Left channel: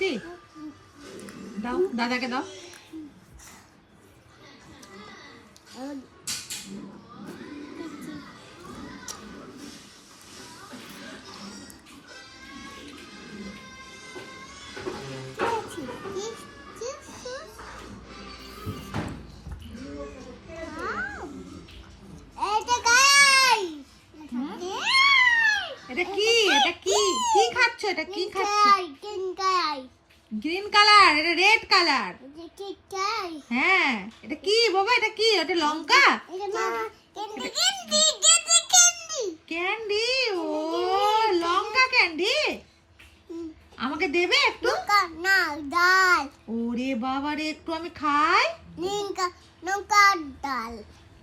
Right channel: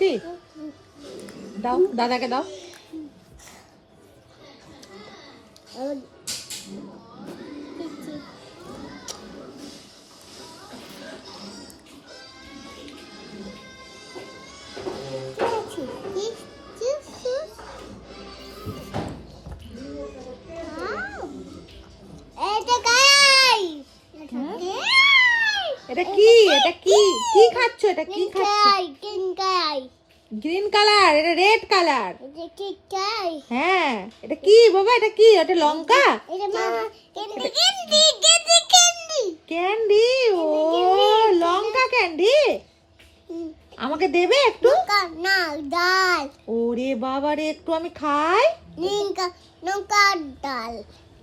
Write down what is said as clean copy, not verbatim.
মিষ্টি দাও, দাদাকে দাও। এটা কি? এটা কি? কি খাচ্ছ? এটা কি খাচ্ছ? গ্রিন কালার, এটা রেড কালার। হ্যাঁ, এটা কি বাবা? এটা কি? এটা লঙ্কা? ক্যান্ডি। ও লঙ্কা ক্যান্ডি। আমাকে দেবে একটু? ডাল ওরে বাবা রে, একটু আমি খাই। লঙ্কা ডাল